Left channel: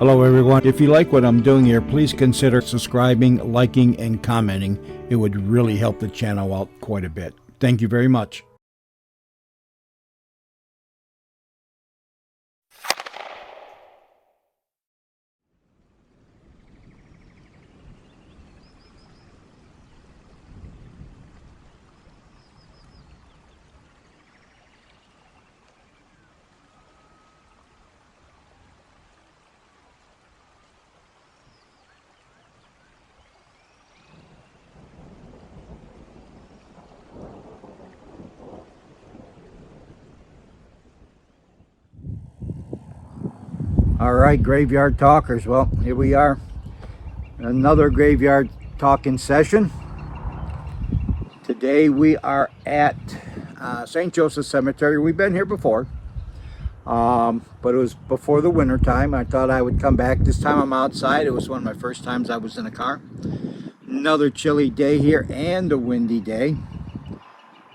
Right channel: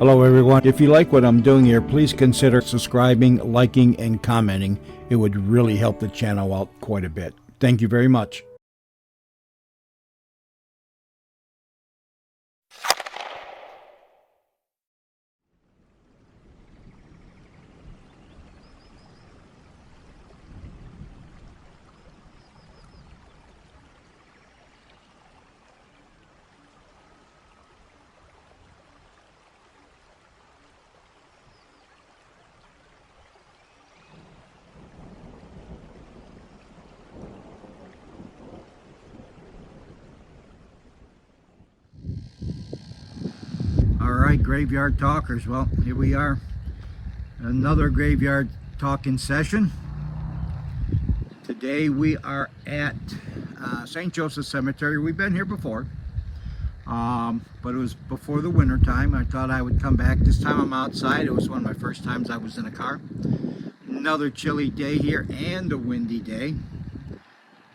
Hello everyone. If you like what I'm doing here, please consider subscribing, liking, and commenting. It would really help the channel out quite a bit. Thank you very much. All right, graveyard talkers. Well, here we are. Another graveyard talking session. Today we are at St. Joseph Cemetery. We've been here before, but it was before the winter time. I thought I would come back. This time I'm outside. It was one of my first times I was in a car. Another chilly day here and a windy day.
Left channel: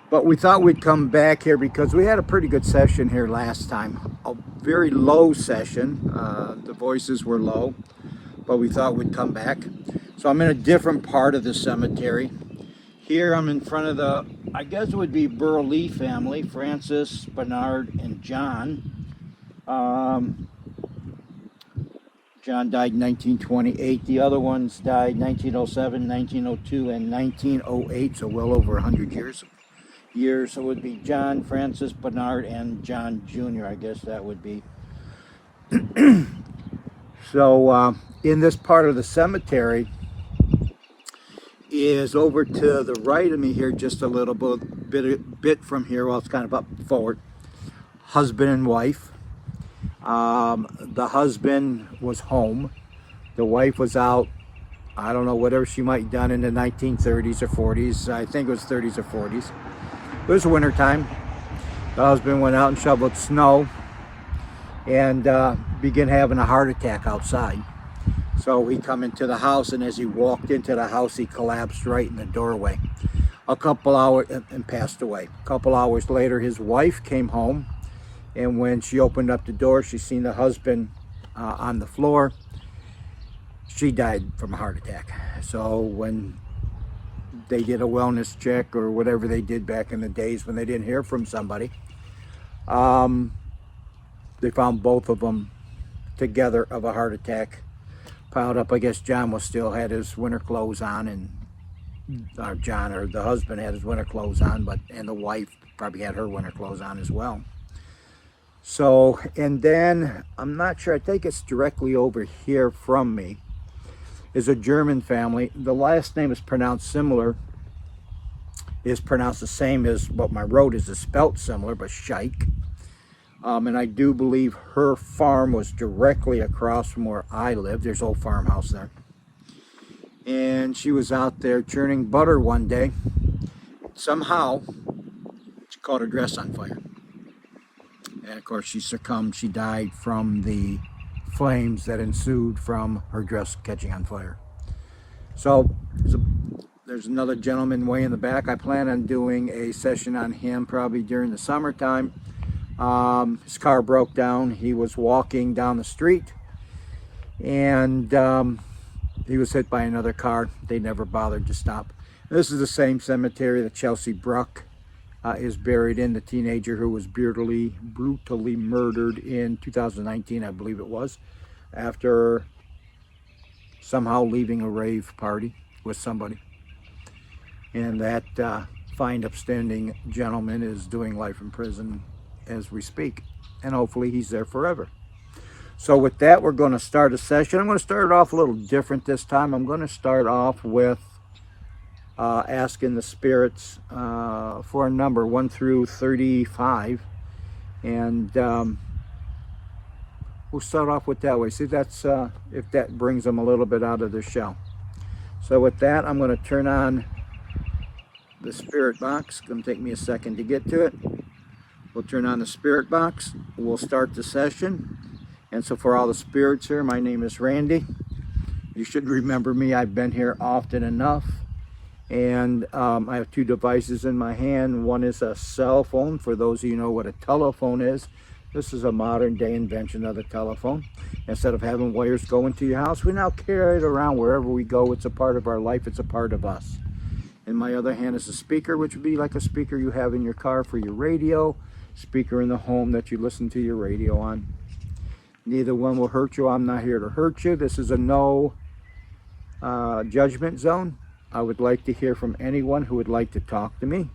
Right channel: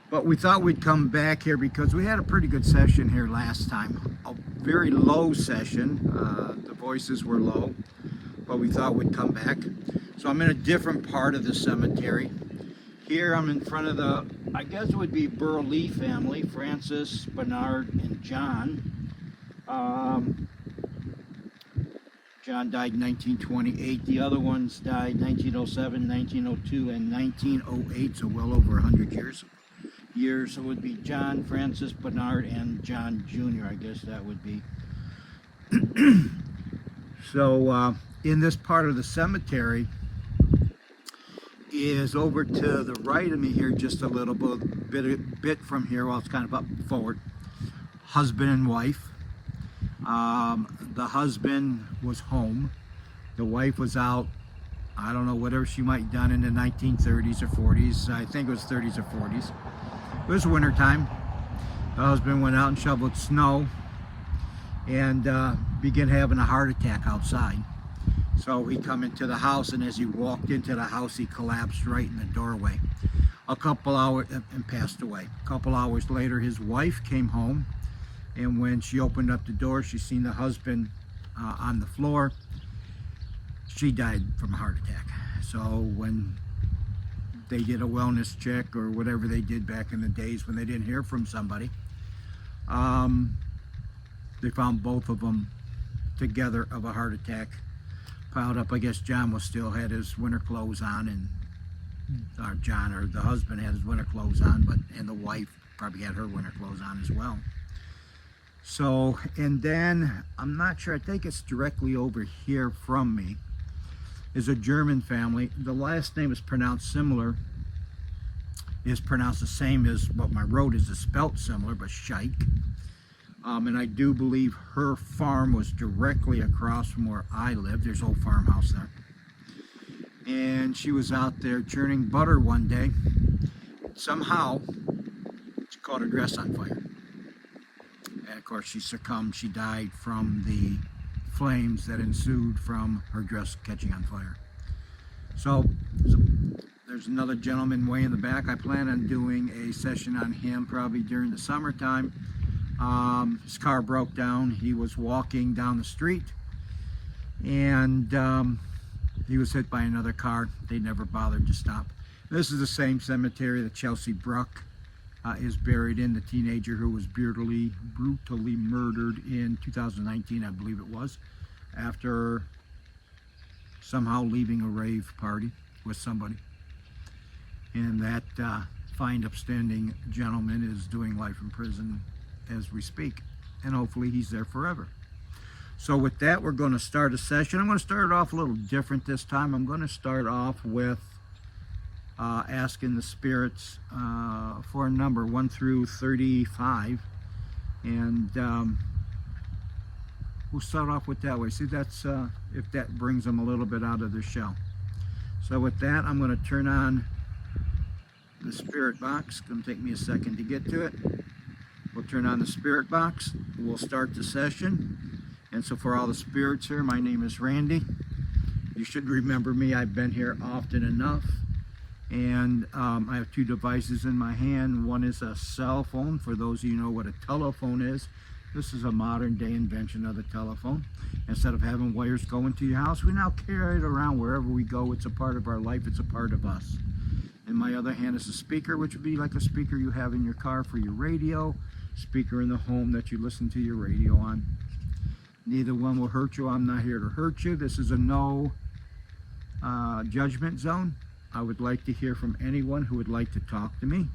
But we thought we'd come back here because we had a pretty good session here last time. A very low session. The voices were low, but we thought we'd come back. So I'm in a different part of the cemetery. Here I'm in front of the, I guess it would be Burley family, Francis, Bernard, and John. John died in 1928. The other ones died 1907, 1902, and 1908, so well over 100 years. So it would be John, Francis, Bernard, and John Jr., I guess that would be. So in this part of the cemetery is over to the right of me here, just a little bit from here. Well, it's kind of up forward. Husband and wife. The husband was home. The wife was out, I don't know, whatever she might have done in the 1930s or 40s. I think it was 30s or 40s. It was winter time. The husband went out and shoveled snow and began having a heart attack outside. So he come into the house, and as he walked into the house, he collapsed right in the doorway. A couple hours and passed away. A couple hours later, his wife came home, and when she opened up the door, she seen the husband on the floor. She died from a heart attack. So when they did a wellness check or whatever they did back in the days when they didn't hear from somebody, they found both of them together of a heart attack, piled up. I guess John still had his winter clothes on, and the husband had his winter clothes on, and the wife probably had her winter clothes on as well. So, and then I'm not sure, I think it's directly over here from me is a German family. The last name is pronounced similar, is pronounced the same as what my road is spelt similar, but Scheich. And I do believe her farm was directly across from where I live. There's an old farmhouse there. And she was out there churning butter one day. Somehow, she caught her dress on fire. And of course, she succumbed. She died from the flames that ensued from her dress catching on fire. So there's another gentleman way in the back. I plan on doing a session on him probably during the summertime. His car broke down. He was walking down the street, and he was hit by another car. They never bothered to stop. This is the same cemetery that Chelsea Bruck is buried in, the teenager who was brutally murdered in 2019, I believe it was, after somehow leaving a rave party with somebody. And that fine, upstanding gentleman is doing life in prison as we speak, and hopefully he's there forever. So with that, we're going to start a session. I'm going to start it off a little different this time. I'm going to start off with asking the spirits for a number 1 through 35, and we'll start off with that way. See, that's if that brings them a little bit out of their shell. So with that, I'm going to turn on the spirit box. It's going to take me a second to get to it. We'll turn on the spirit box. We'll start the session. And so for all the spirits here, my name is Randy. You should remember me. I've been here often enough. And I have two devices in my hand. One is a cell phone, for those of you who know what a telephone is. This is a modern day invention of the telephone. Instead of having wires going to your house, we now carry it around wherever we go. It's a part of our life. It's a part of us. In my other hand is a speaker, which would be like a speaker you have in your car for your radio, speaker in the home that you listen to your radio on. Neither one will hurt you. I'm not here to hurt you. This is a no judgment zone. I would like to hear from anyone who would like to talk to me.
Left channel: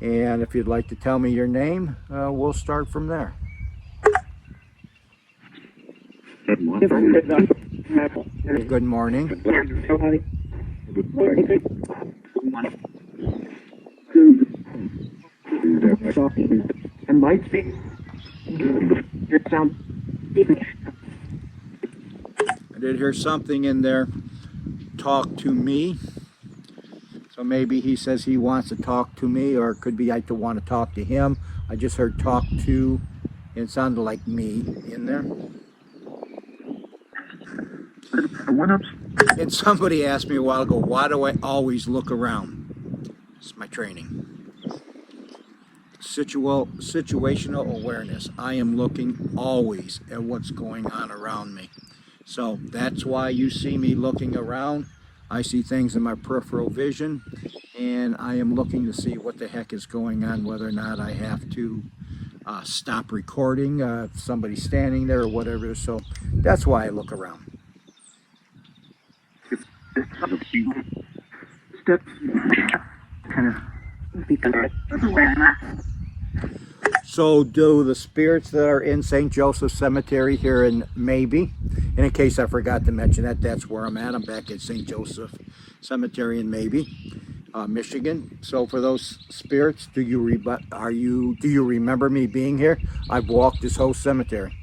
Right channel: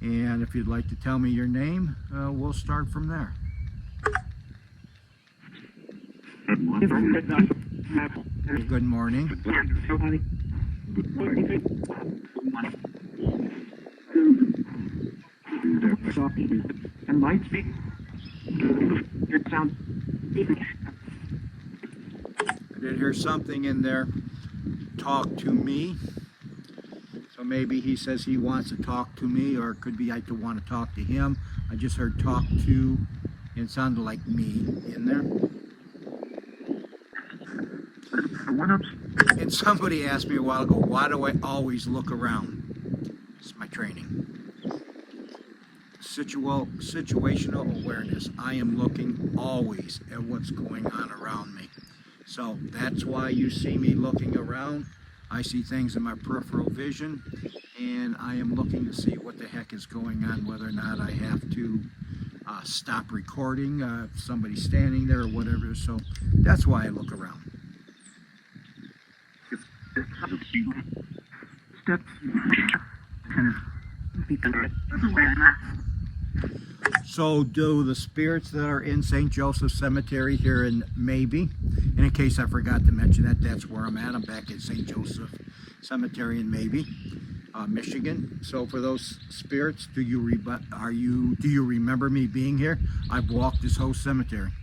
And if you'd like to tell me your name, we'll start from there. Good morning. Good morning. And might be your sound. I did hear something in there. Talk to me. So maybe he says he wants to talk to me, or it could be I want to talk to him. I just heard talk to, and it sounded like me in there. And somebody asked me a while ago, why do I always look around? It's my training. Situational awareness. I am looking always at what's going on around me. So that's why you see me looking around. I see things in my peripheral vision, and I am looking to see what the heck is going on, whether or not I have to stop recording, if somebody's standing there or whatever. So that's why I look around. So do the spirits that are in St. Joseph Cemetery here in Maybe, and in case I forgot to mention that, that's where I'm at. I'm back at St. Joseph Cemetery in Maybe, Michigan. So for those spirits, do you remember me being here? I've walked this whole cemetery.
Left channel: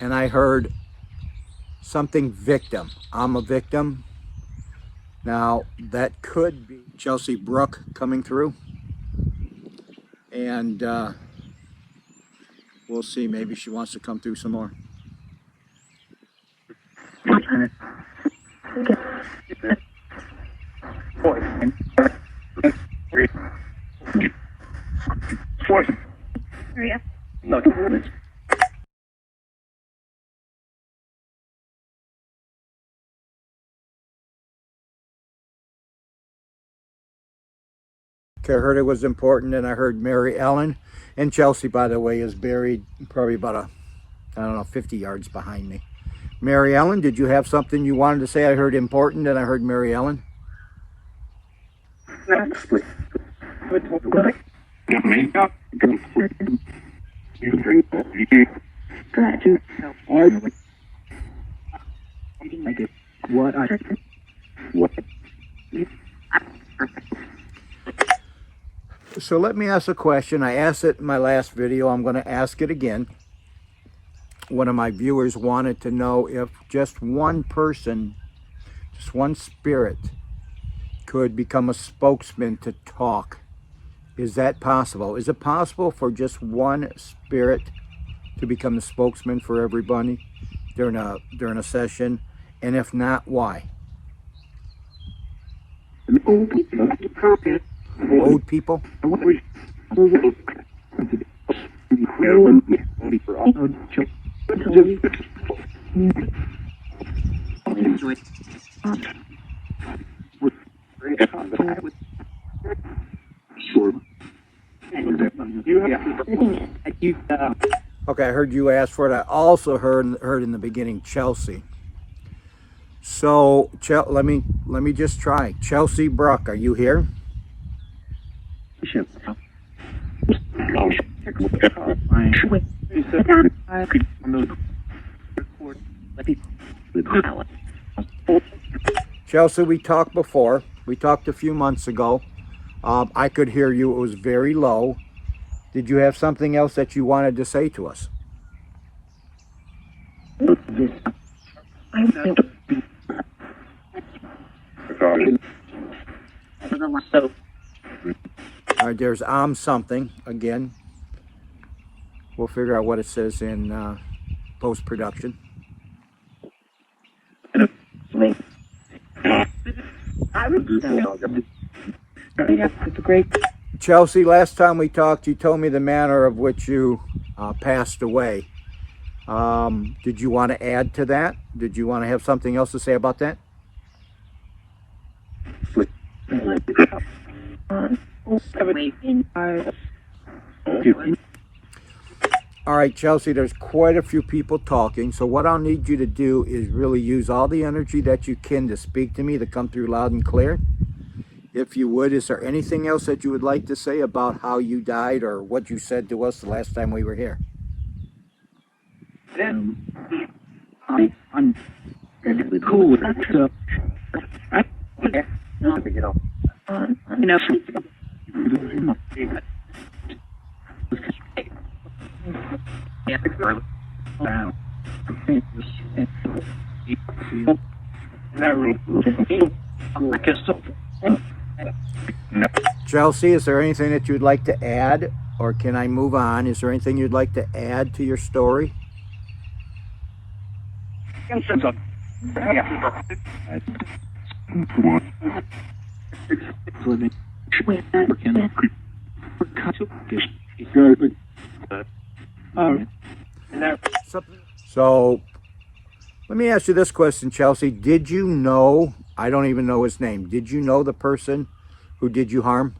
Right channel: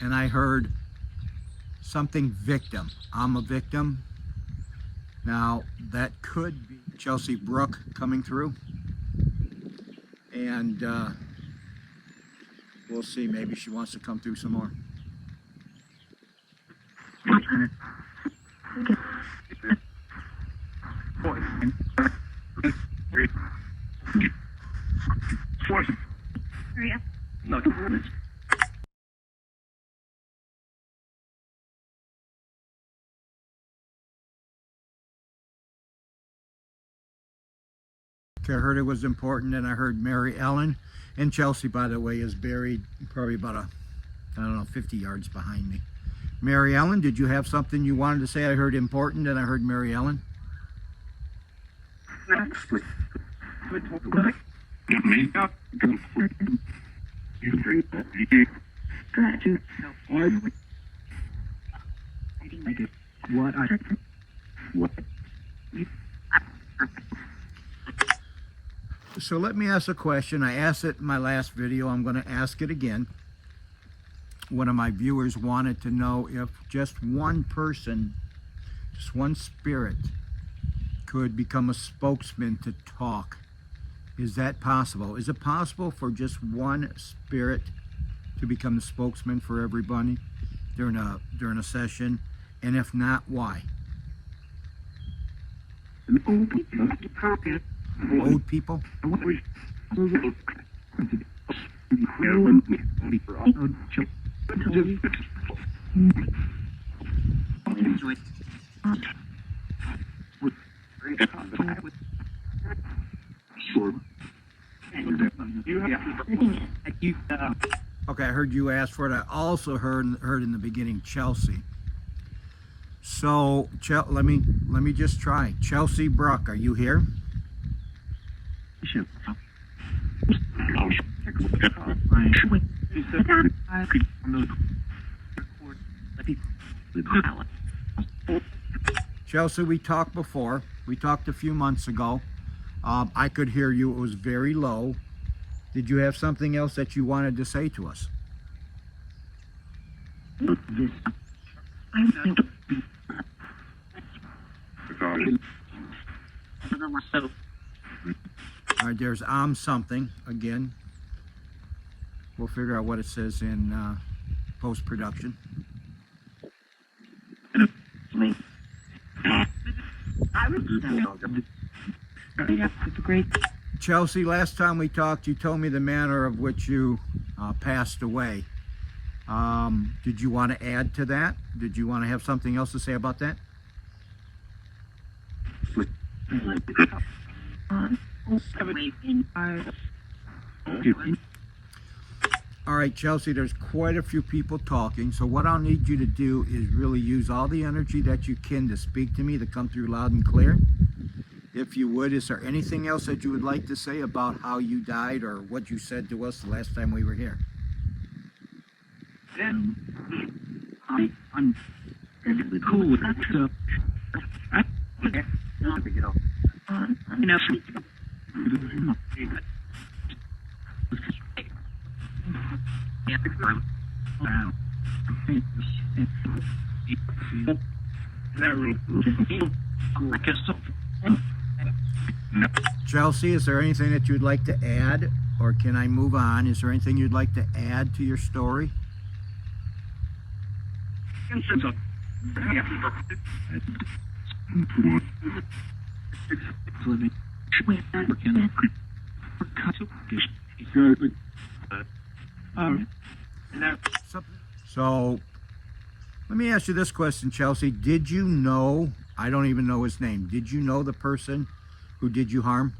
And I heard something victim. I'm a victim. Now that could be Chelsea Brooke coming through, and we'll see. Maybe she wants to come through some more. I heard it was important, and I heard Mary Ellen, and Chelsea, by the way, is buried probably about 50 yards behind me. Mary Ellen, did you have something you wanted to say? I heard important, and I heard Mary Ellen. So let me ask a question. I asked it in my last video. I'm going to ask it again. One of my viewers wanted to know if just one person, just one spirit, could become a spokesman to talk. Is that possible? Is it possible for just one spirit to become the spokesman for everybody during a session? And if not, why? Old people? Okay, I heard you ask for it. I also heard in the beginning Chelsea. So let me just try. Chelsea Brooke, are you here? Chelsea, we talked before. We talked a few months ago. I could hear you. It was very low. Did you have something else that you wanted to say to us? All right, there's something again. We'll figure out what it says in post-production. Chelsea, last time we talked, you told me the manner of which you passed away. Did you want to add to that? Did you want to have something else to say about that? All right, Chelsea, there's quite a few people talking, so what I'll need you to do is really use all the energy that you can to speak to me, to come through loud and clear. If you would, is there anything else that you would like to say about how you died or what you said to us the last time we were here? I'm cool with that stuff. Chelsea, is there anything that you'd like to add, or can I move on? Is there anything you'd like to add to your story? So, let me ask you this question, Chelsea. Did you know, I don't even know his name, did you know the person who did you harm?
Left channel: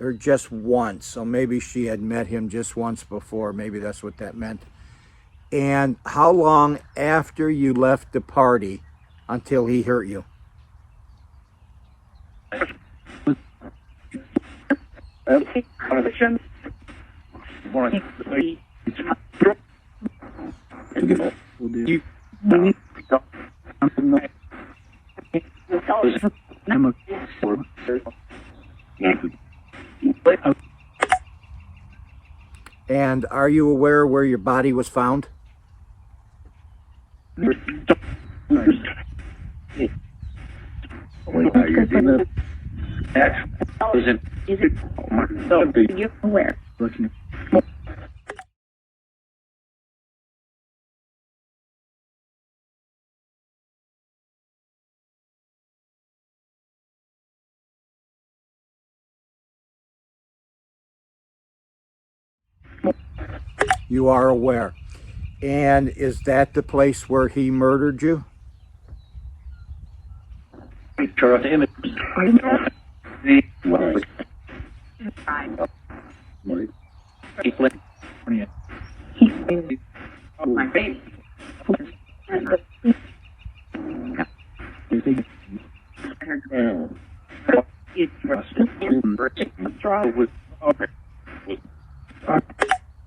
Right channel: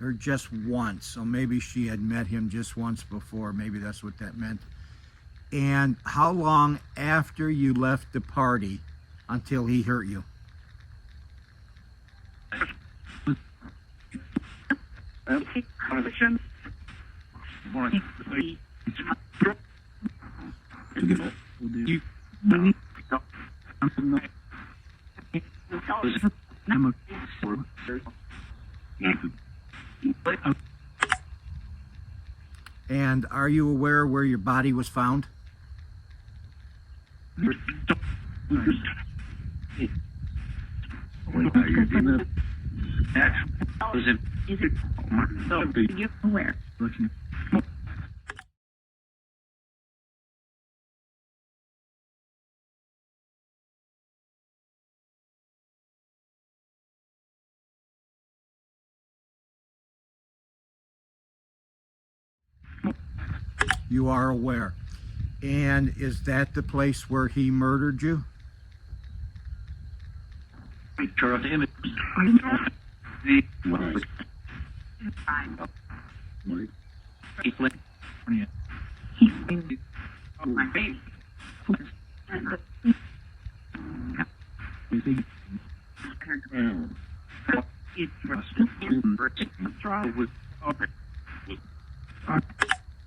Or just once, so maybe she had met him just once before, maybe that's what that meant. And how long after you left the party until he hurt you? And are you aware where your body was found? You are aware. And is that the place where he murdered you?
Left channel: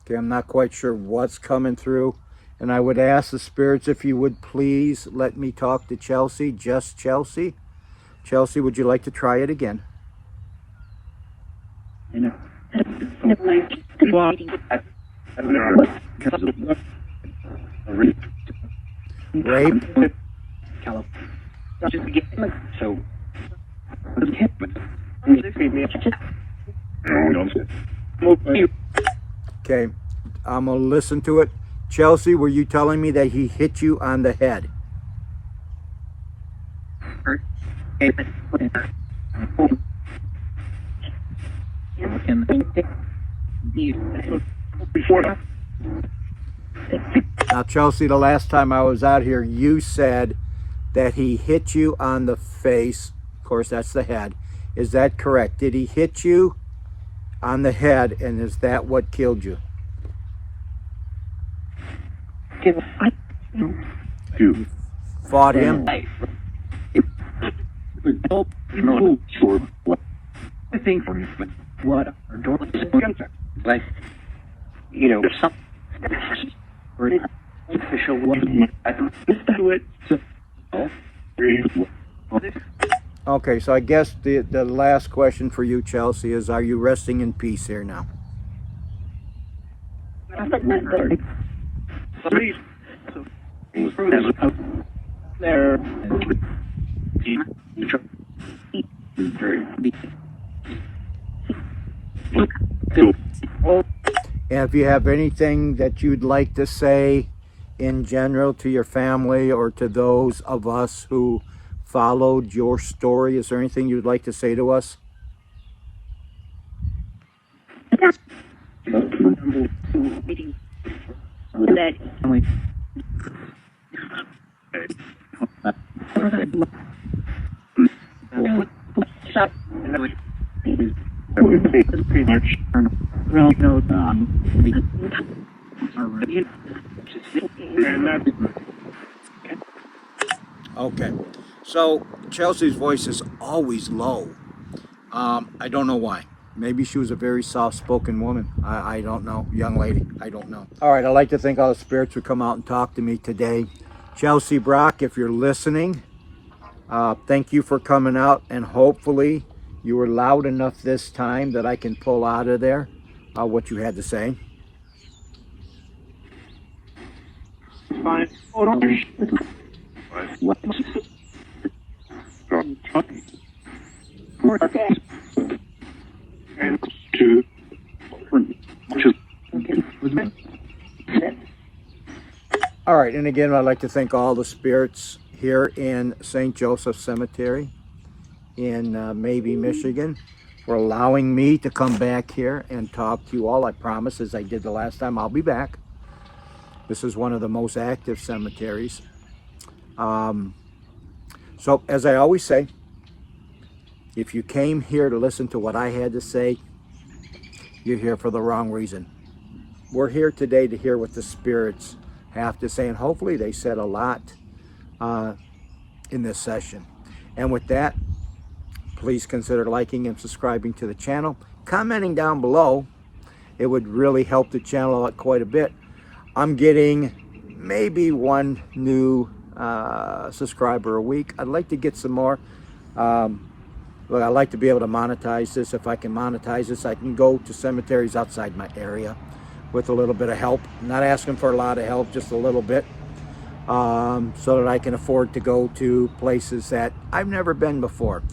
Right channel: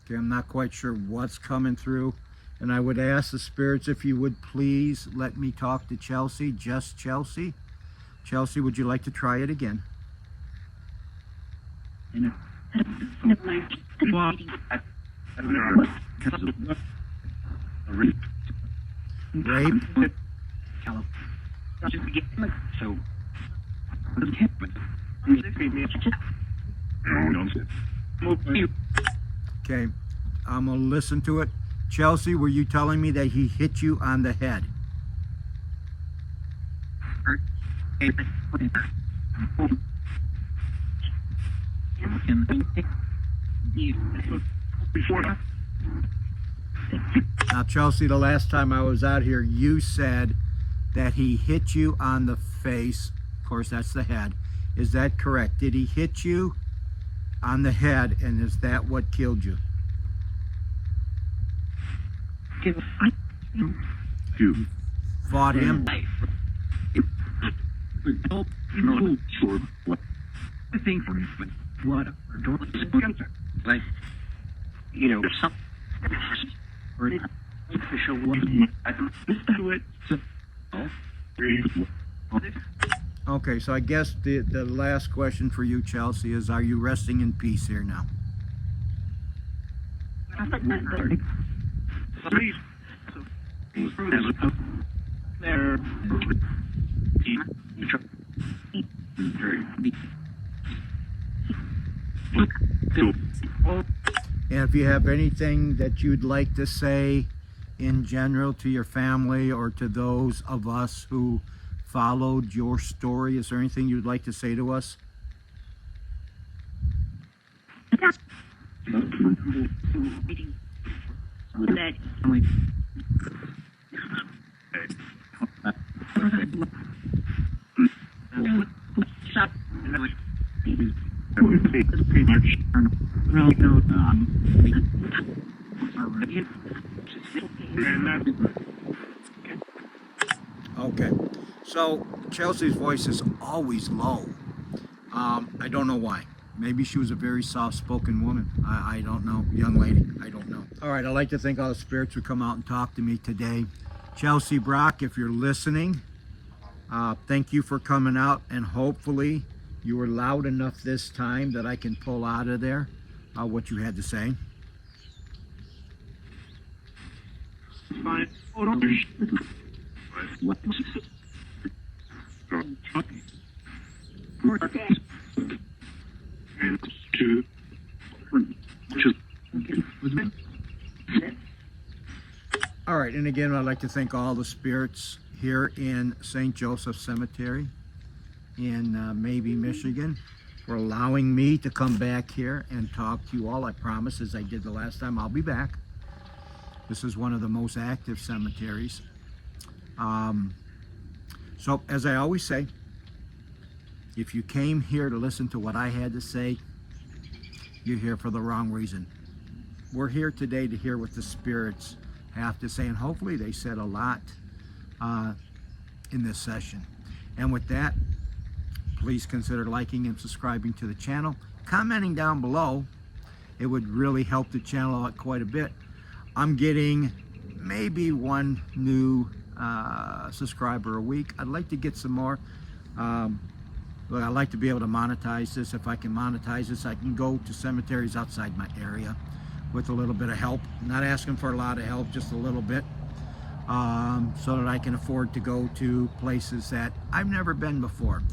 Okay, I'm not quite sure what's coming through. And I would ask the spirits if you would please let me talk to Chelsea, just Chelsea. Chelsea, would you like to try it again? Rape? Okay, I'm gonna listen to it. Chelsea, were you telling me that he hit you on the head? Now, Chelsea, the last time I was out here, you said that he hit you on the face. Of course, that's the head. Is that correct? Did he hit you on the head, and is that what killed you? You fought him? Okay, so I guess the last question for you, Chelsea, is are you resting in peace here now? There. And if you have anything that you'd like to say in general to your family or to those of us who followed your story, is there anything you'd like to say to us? Okay, so Chelsea's voice is always low. I don't know why. Maybe she was a very soft-spoken woman. I don't know. Young lady, I don't know. All right, I'd like to thank all the spirits who come out and talk to me today. Chelsea Brock, if you're listening, thank you for coming out, and hopefully you were loud enough this time that I can pull out of there what you had to say. Fine. Hold on. And two. All right, and again, I'd like to thank all the spirits here in St. Joseph Cemetery in Maybe, Michigan, for allowing me to come back here and talk to you all. I promise, as I did the last time, I'll be back. This is one of the most active cemeteries. So, as I always say, if you came here to listen to what I had to say, you're here for the wrong reason. We're here today to hear what the spirits have to say, and hopefully they said a lot in this session. And with that, please consider liking and subscribing to the channel. Commenting down below, it would really help the channel out quite a bit. I'm getting maybe one new subscriber a week. I'd like to get some more. Look, I'd like to be able to monetize this. If I can monetize this, I can go to cemeteries outside my area with a little bit of help. I'm not asking for a lot of help, just a little bit, so that I can afford to go to places that I've never been before.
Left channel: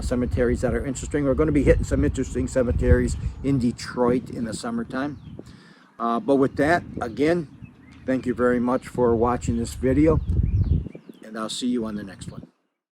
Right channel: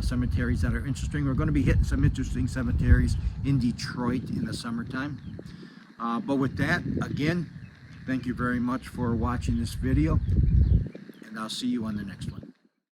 Cemeteries that are interesting. We're going to be hitting some interesting cemeteries in Detroit in the summertime. But with that, again, thank you very much for watching this video, and I'll see you on the next one.